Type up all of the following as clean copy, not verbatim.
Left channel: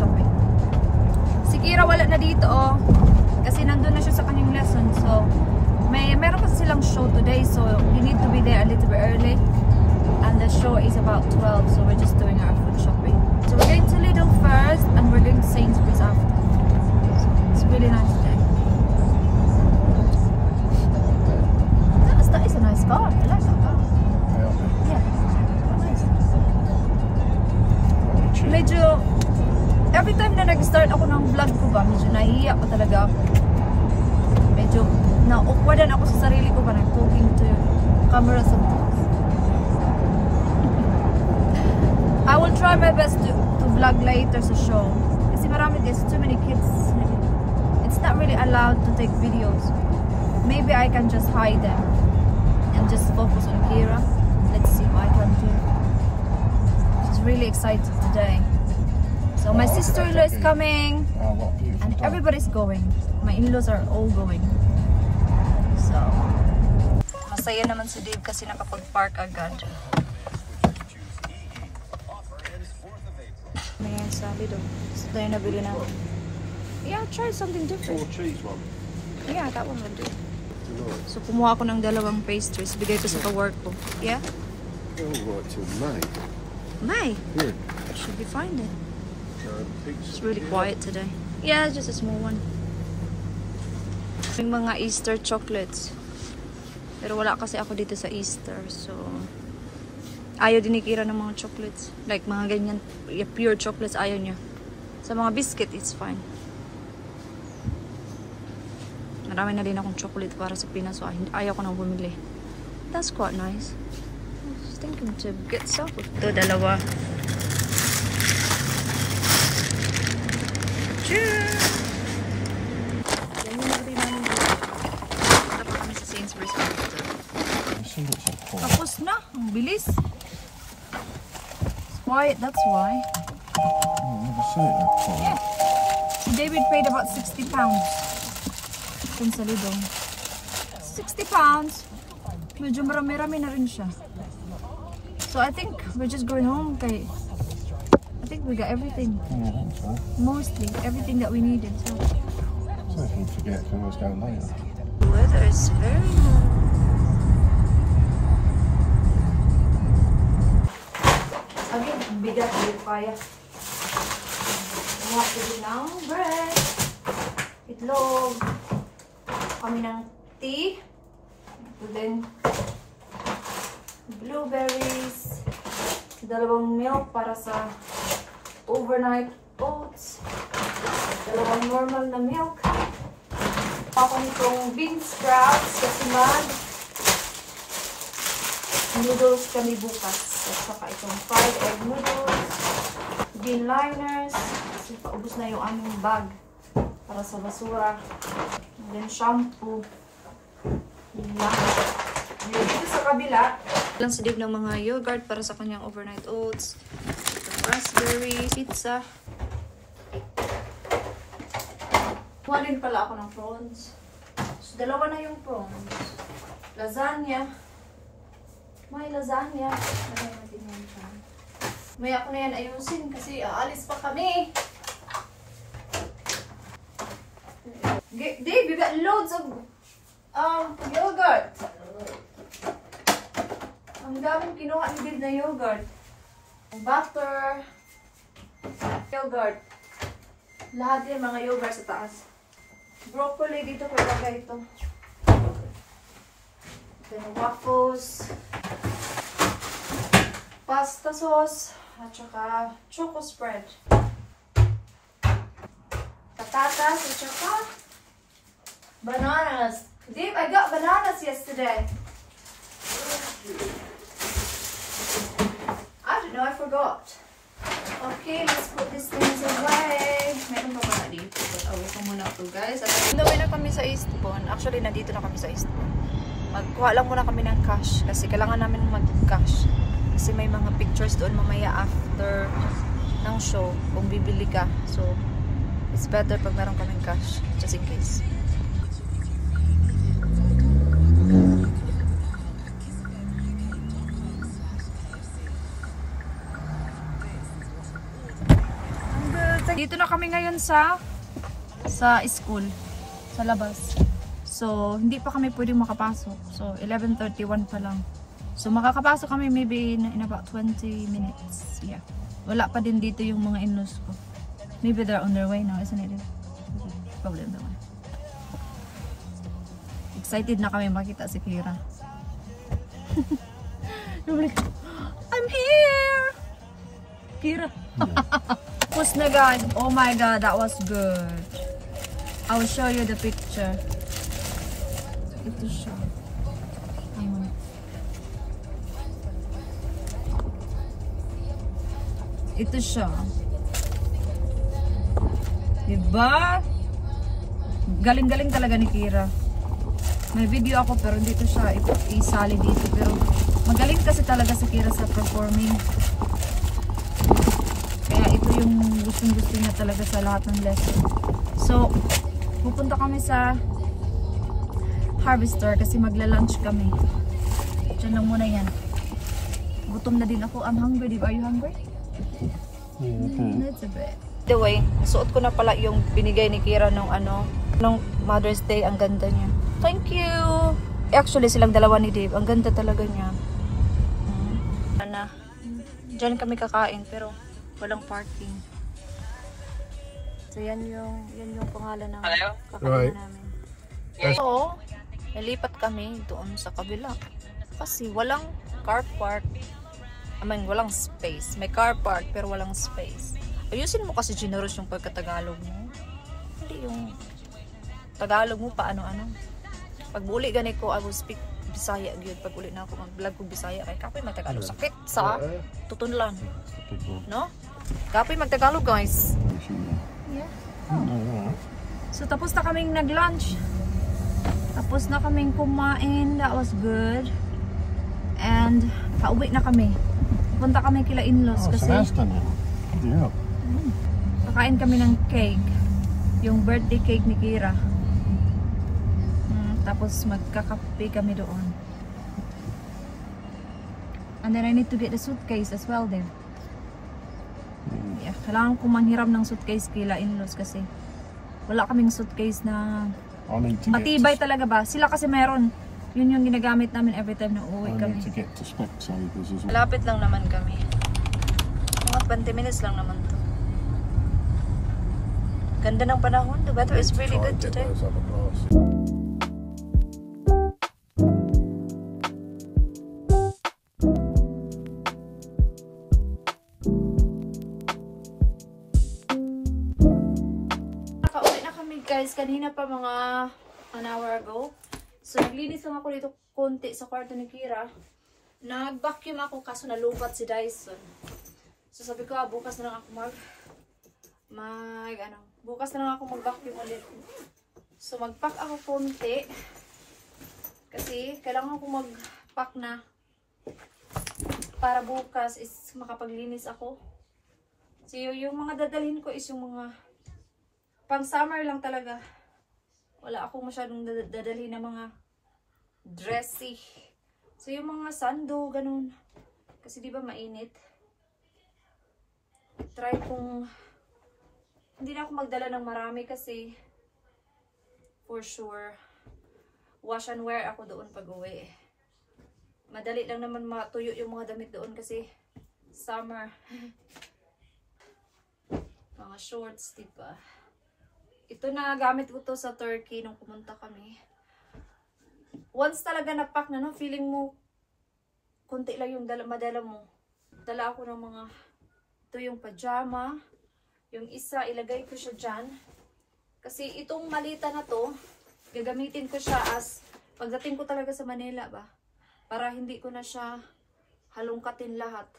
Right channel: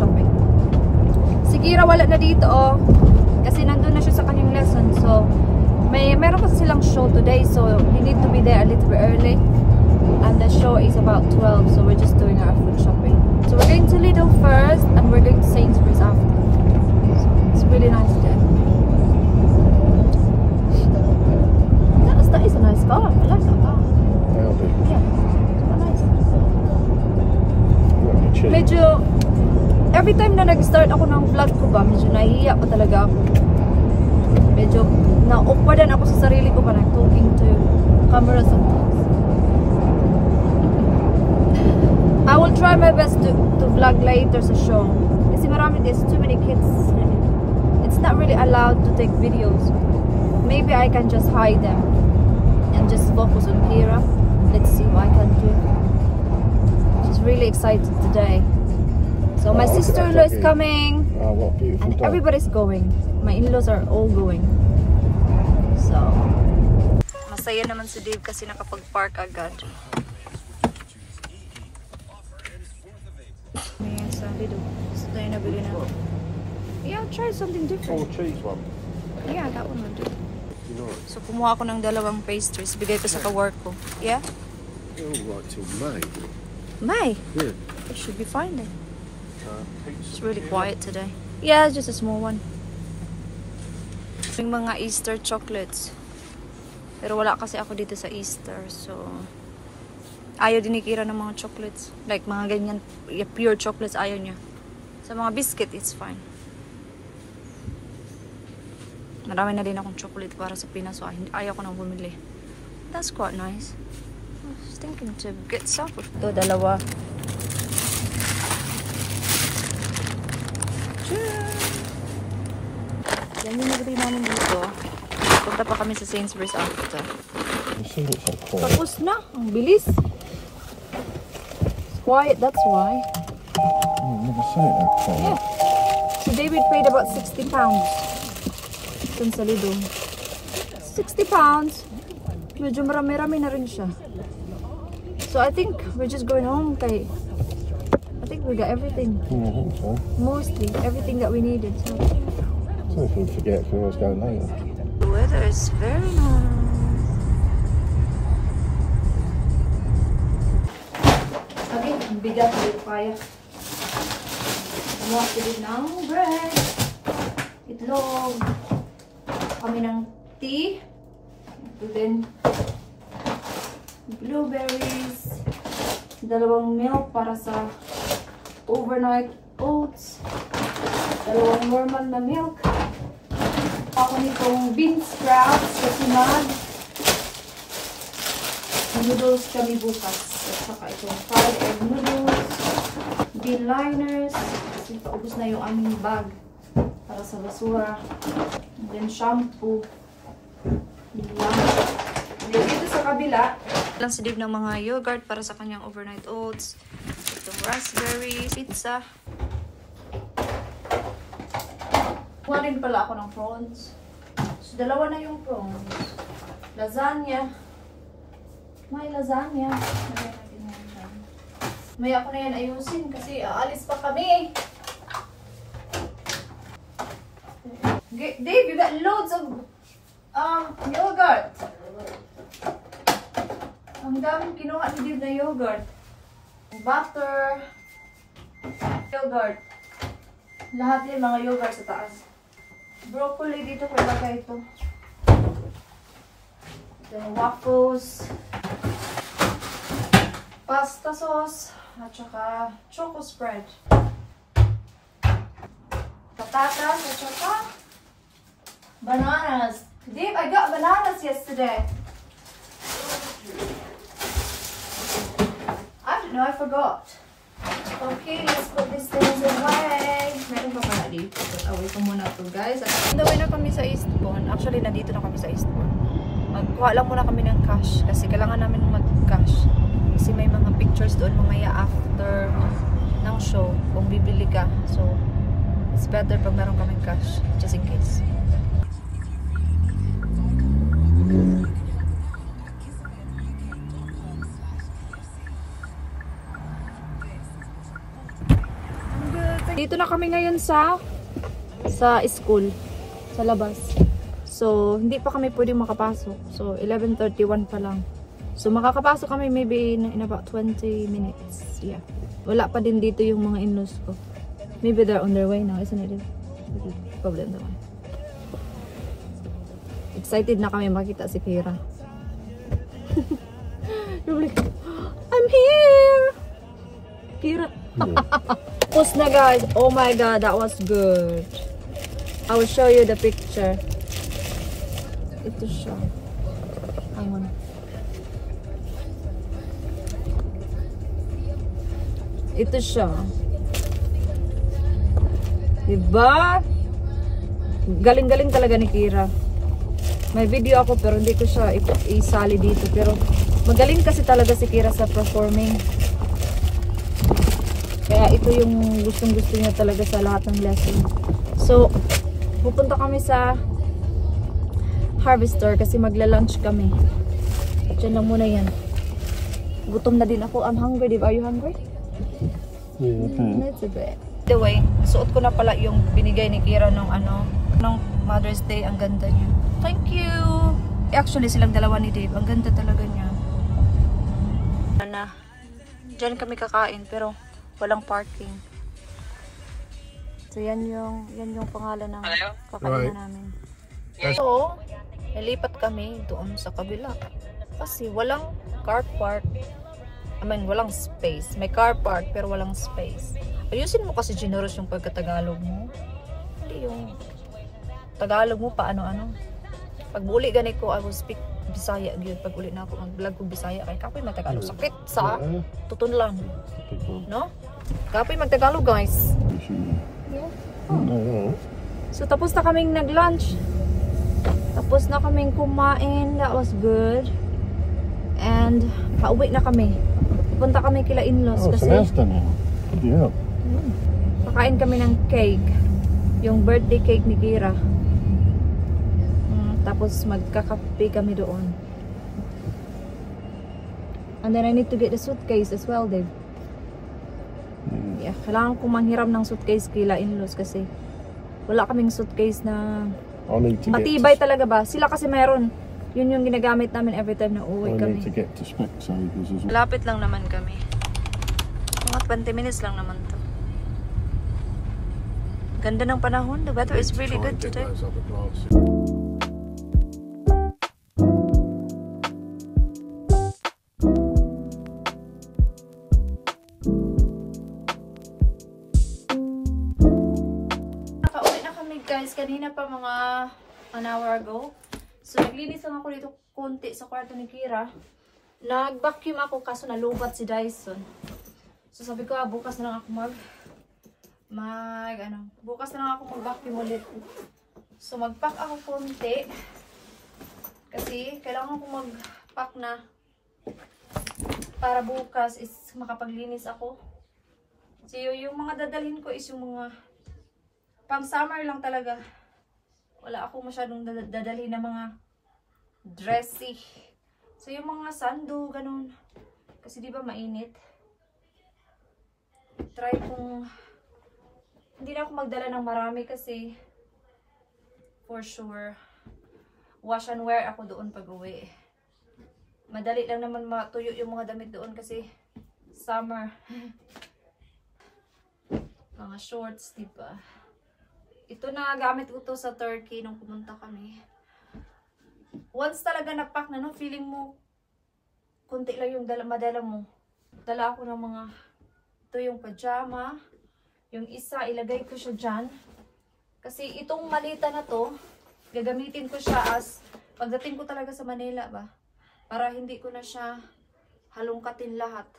shopping. Si Kira wala na dito oh. Kasi nandun na siya sa kanyang lesson. So, meron kasi silang show today. So, we need to be there a little bit early. And the show is about 12. So, we're just doing our food shopping. So, we're going to Lidl first. And we're going to Sainsbury's after. So, it's really nice there. That is a nice car. I like that car. Yeah. Nice. Medyo, every time na nag-start ako ng vlog ko ba, medyo nahihiya pa talaga ako. Medyo na-awkwardan ako sa sarili ko parang talking to camera sometimes. I will try my best to vlog later sa show. Kasi marami, there's too many kids. It's not really allowed to take videos. Maybe I can just hide them and just focus on Kira. Let's see what I can do. She's really excited today. So my sister-in-law is coming. Oh, what a beautiful and dog. everybody's going. My in-laws are all going. So masaya naman si Dave kasi nakapag-park agad. Ayan sa Lidl. So tayo nabili na. Yeah, try something different. Cheese one. Yeah, that one will do. So kumuha ako ng dalawang pastries. Bigay ko sa ka-work ko. Yeah? Oh, right till May. May? Good. It should be fine then. It's really quiet today. Yeah, it's just a small one. Yung mga Easter chocolates. Pero wala kasi ako dito sa Easter. So, ayaw din ni Kira ng mga chocolates. Like mga ganyan, pure chocolates, ayaw niya. Sa mga biscuit, it's fine. Marami na din akong chocolate para sa Pinas. So, ayaw ko nang bumili. That's quite nice. I was thinking to get some. Ito, dalawa. Yan yung nagri namin dito. Punta pa kami sa Sainsbury's after. Tapos na. Ang bilis. It's quiet, that's why. Oh, I've never seen it that quiet. Yeah. So David paid about £60. Dun sa Lidl. £60. Medyo marami-rami na rin siya. So I think we're just going home kay I think we got everything. Yeah, I think so. Mostly everything that we needed. So if we forget, we always go later. The weather is very nice. Kami, ang bigat, hindi ko kaya. Kumuha ko din ng bread, itlog, kami ng tea, ito din, blueberries, dalawang milk para sa overnight oats, dalawang normal na milk, ako nitong bean sprouts kasi noodles kami bukas. At saka itong fried egg noodles, bean liners, kasi paubos na yung aming bag para sa basura. And then shampoo. Lang. Dito sa kabila, lang si Dave ng mga yogurt para sa kanyang overnight oats. Itong raspberry, pizza. Kuha din pala ako ng prawns. So, dalawa na yung prawns. Lasagna. May lasagna. May ako na yan ayusin kasi aalis pa kami. Dave, you got loads of yogurt. Ang daming kinuha ni Dave na yogurt. Butter. Yogurt. Lahat yung mga yogurt sa taas. Broccoli dito, kaya ito. Then waffles. Pasta sauce. At saka choco spread. Patatas at saka bananas. Dave, I got bananas yesterday. I don't know, I forgot. Okay, let's put these things away. Meron pa pala dito. Put away ko muna ito, guys. At naway na kami sa Eastbourne. Actually, nandito na kami sa Eastbourne. Magkuha lang muna kami ng cash. Kasi kailangan namin mag-cash. Kasi may mga pictures doon mamaya after ng show. Kung bibili ka. So, it's better pag meron kaming cash. Just in case. Dito na kami ngayon sa school. Sa labas. So, hindi pa kami pwedeng makapasok. So, 11:31 pa lang. So, makakapasok kami maybe in about 20 minutes. Yeah. Wala pa din dito yung mga in-laws ko. Maybe they're on their way now, isn't it? Problem naman. Excited na kami makita si Kira. I'm here! Kira. Tapos na guys. Oh my god, that was good. I will show you the picture. Ito siya. Hang on. Ito siya. Diba? Galing-galing talaga ni Kira. May video ako pero hindi ko siya isali dito. Pero magaling kasi talaga si Kira sa performing. Kaya ito yung gustong-gusto niya talaga sa lahat ng lesson. So, pupunta kami sa Harvester kasi magla-lunch kami. Diyan lang muna yan. Gutom na din ako. I'm hungry. Are you hungry? Yeah, That's a bit. By the way, suot ko na pala yung binigay ni Kira nung Mother's Day. Ang ganda niya. Thank you! Actually, silang dalawa ni Dave. Ang ganda talaga niya. Diyan kami kakain pero walang parking. So, yan yung pangalan ng kakain namin. So, nalipat kami doon sa kabila. Kasi walang car park. I mean, walang space. May car park pero walang space. Ayusin mo kasi generous yung pagkatagalog mo. Hindi yung Tagalog mo pa ano-ano. Pag uli gani ko, I will speak Bisaya gyud. Pag uli na ako mag-vlog ko Bisaya kay kapoy magtagalog sakit sa tutunlan. No? Kapoy magtagalog guys. Yeah. No. So tapos na kaming nag-lunch. Tapos na kaming kumain. That was good. And pauwi na kami. Punta kami kila in-laws kasi Yeah. pakain kami ng cake. Yung birthday cake ni Kira. Tapos magkakape kami doon. And then I need to get the suitcase as well, Dave. Yeah, kailangan ko manghiram ng suitcase kila in-laws kasi wala kaming suitcase na matibay talaga ba. Sila kasi meron. Yun yung ginagamit namin every time na uuwi kami. Malapit lang naman kami. Mga 20 minutes lang naman to. Ganda ng panahon. The weather is really good today. Nakauwi na kami guys. Kanina pa mga an hour ago. So naglinis lang ako dito konti sa kwarto ni Kira. Nag-vacuum ako kaso nalubat si Dyson. So sabi ko, bukas na lang ako bukas na lang ako mag-vacuum ulit. So mag-pack ako konti. Kasi kailangan ko mag-pack na para bukas is makapaglinis ako. So yung mga dadalhin ko is yung mga pang summer lang talaga. Wala ako masyadong dadalhin na mga dressy. So yung mga sando, ganun. Kasi di ba mainit? Try kong hindi na ako magdala ng marami kasi for sure wash and wear ako doon pag uwi. Madali lang naman matuyo yung mga damit doon kasi summer. Mga shorts, diba? Ito na gamit ko to sa Turkey nung pumunta kami. Once talaga na-pack na, no, feeling mo kunti lang yung madala mo. Dala ako ng mga ito yung pajama. Yung isa, ilagay ko siya dyan. Kasi itong malita na to, gagamitin ko siya as pagdating ko talaga sa Manila ba. Para hindi ko na siya halongkatin lahat.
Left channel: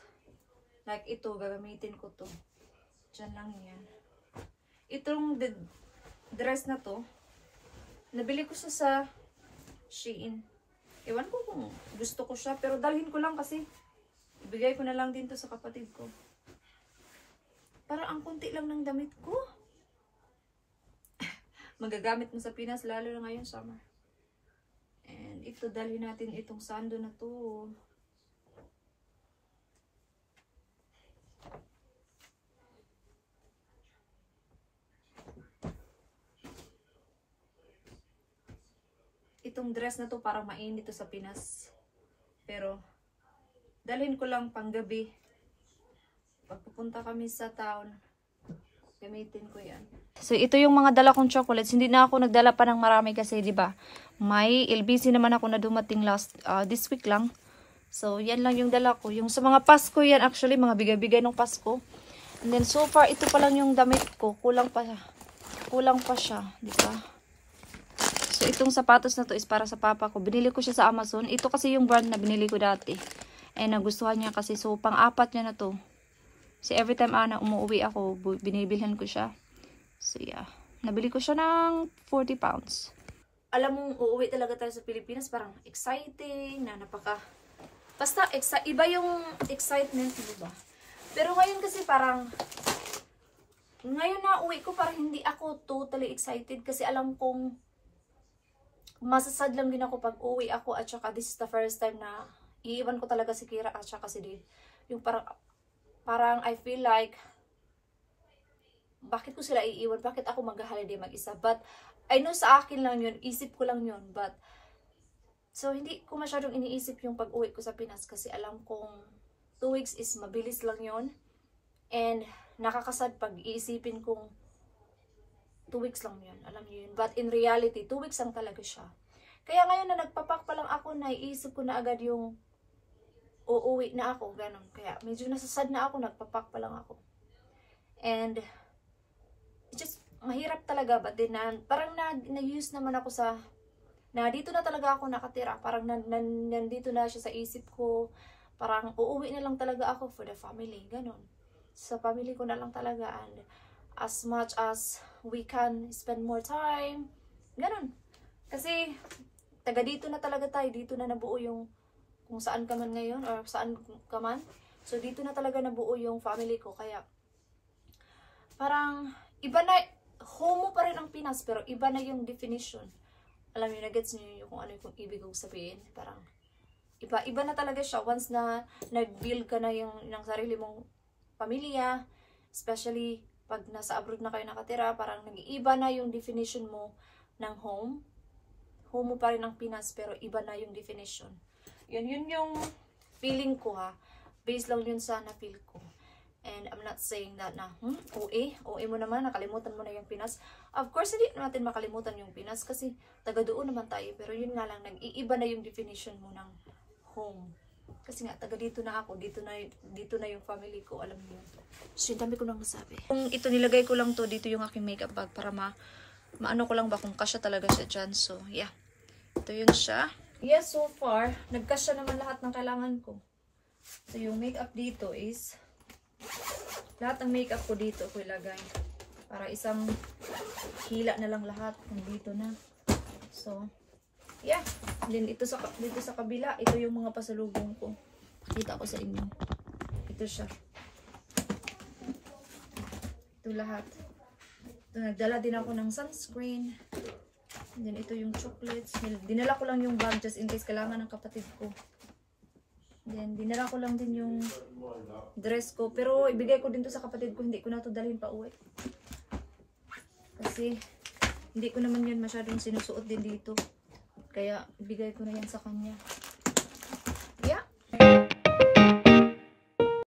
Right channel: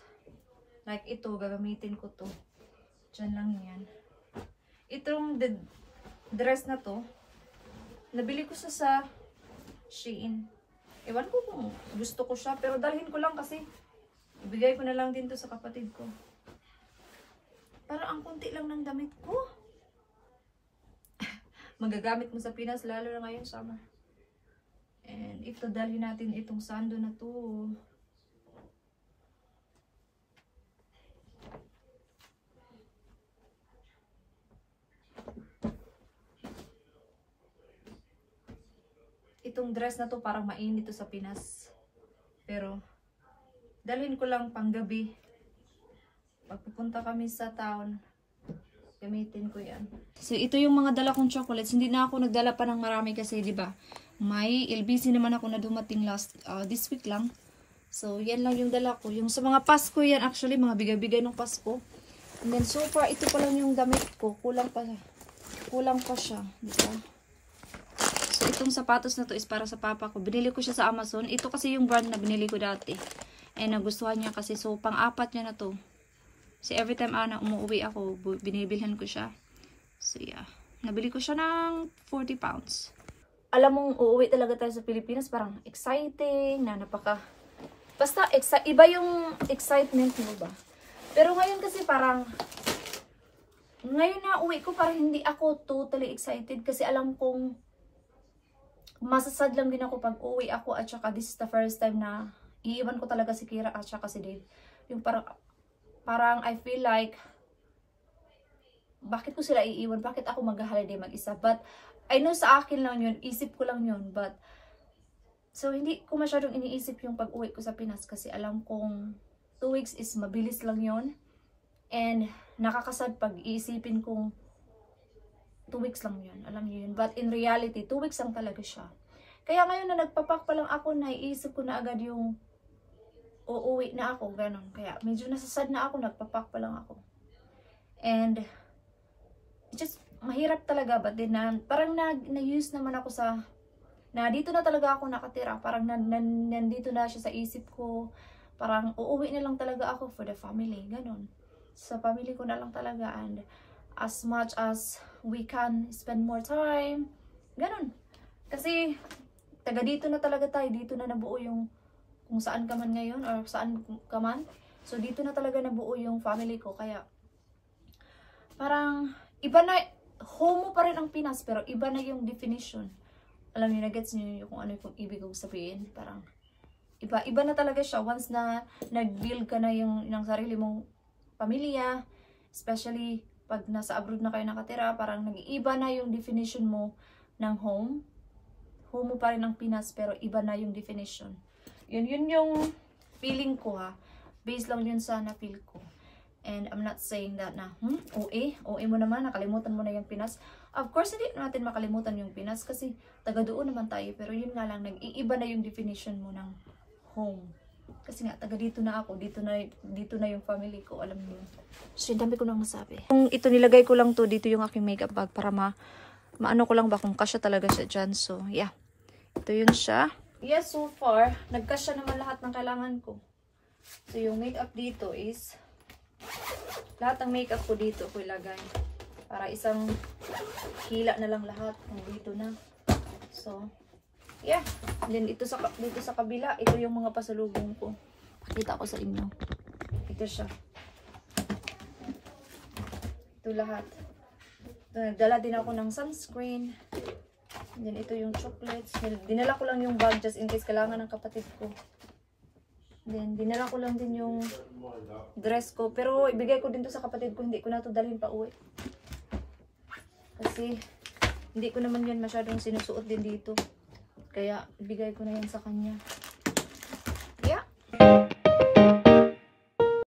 Like ito, gagamitin ko to. Dyan lang yan. Itong dress na to, nabili ko siya sa Shein. Ewan ko kung gusto ko siya, pero dalhin ko lang kasi ibigay ko na lang din to sa kapatid ko. Parang ang kunti lang ng damit ko. Magagamit mo sa Pinas, lalo na ngayon summer. And ito, dalhin natin itong sando na to. itong dress na to parang mainit to sa Pinas. Pero, dalhin ko lang pang gabi. Pagpupunta kami sa town, gamitin ko yan. So, ito yung mga dala kong chocolates. Hindi na ako nagdala pa ng marami kasi, di ba? May LBC naman ako na dumating this week lang. So, yan lang yung dala ko. Yung sa mga Pasko yan, actually, mga bigay-bigay ng Pasko. And then, so far, ito pa lang yung damit ko. Kulang pa siya. Diba? So, itong sapatos na to is para sa papa ko. Binili ko siya sa Amazon. Ito kasi yung brand na binili ko dati. And nagustuhan niya kasi. So, pang-apat niya na to. So, every time na umuwi ako, binibilhan ko siya. So, yeah. Nabili ko siya ng 40 pounds. Alam mong uuwi talaga tayo sa Pilipinas. Parang exciting na basta, iba yung excitement mo ba? Pero ngayon kasi parang, ngayon na uwi ko parang hindi ako totally excited kasi alam kong masasad lang din ako pag uwi ako at saka this is the first time na iiwan ko talaga si Kira at saka si Dave. Yung parang I feel like, bakit ko sila iiwan? Bakit ako mag-holiday mag-isa? But, I know sa akin lang yun, isip ko lang yun, but, so, hindi ko masyadong iniisip yung pag-uwi ko sa Pinas kasi alam kong 2 weeks is mabilis lang yon. And nakakasad pag iisipin kong 2 weeks lang yun. Alam niyo yun. But in reality, 2 weeks lang talaga siya. Kaya ngayon na nagpapak pa lang ako, naiisip ko na agad yung uuwi na ako. Ganon. Kaya medyo nasasad na ako, nagpapak pa lang ako. And it's just mahirap talaga. But then parang na-use naman ako sa dito na talaga ako nakatira. Parang nandito na siya sa isip ko. Parang uuwi na lang talaga ako for the family. Ganon. Sa family ko na lang talaga. And as much as we can spend more time. Ganon. Kasi taga dito na talaga tayo. Dito na nabuo yung kung saan ka man ngayon or saan ka man. So dito na talaga nabuo yung family ko. Kaya parang iba na, home mo pa rin ang Pinas pero iba na yung definition. Alam niyo, na-gets niyo kung ano yung ibig kong sabihin. Parang, iba na talaga siya. Once na nag-build ka na yung ng sarili mong pamilya, especially pag nasa abroad na kayo nakatira, parang nag-iiba na yung definition mo ng home. Home mo pa rin ang Pinas, pero iba na yung definition. Yun yung feeling ko ha. Based lang yun sa na-feel ko. And I'm not saying that na, OA mo naman, nakalimutan mo na yung Pinas. Of course, hindi natin makalimutan yung Pinas kasi taga doon naman tayo. Pero yun nga lang, nag-iiba na yung definition mo ng home. Kasi nga, taga dito na ako, dito na yung family ko, alam niyo yun. So, dami ko nang masabi. Kung ito, nilagay ko lang to, dito yung aking makeup bag para maano ko lang ba kung kasya talaga siya dyan. So, yeah. Ito yun siya. Yes, so far, nagkasya naman lahat ng kailangan ko. So, yung makeup dito is lahat ng makeup ko dito ko ilagay para isang hila na lang lahat kung dito na. So yeah, then dito sa kabila, ito yung mga pasalubong ko. Pakita ko sa inyo. Ito siya. Ito lahat. Ito, nagdala din ako ng sunscreen. And then ito yung chocolates. Dinala ko lang yung bag just in case kailangan ng kapatid ko. Then, dinala ko lang din yung dress ko. Pero, ibigay ko din to sa kapatid ko. Hindi ko na to dalhin pa uwi. Kasi, hindi ko naman yan masyadong sinusuot din dito. Kaya, ibigay ko na yan sa kanya.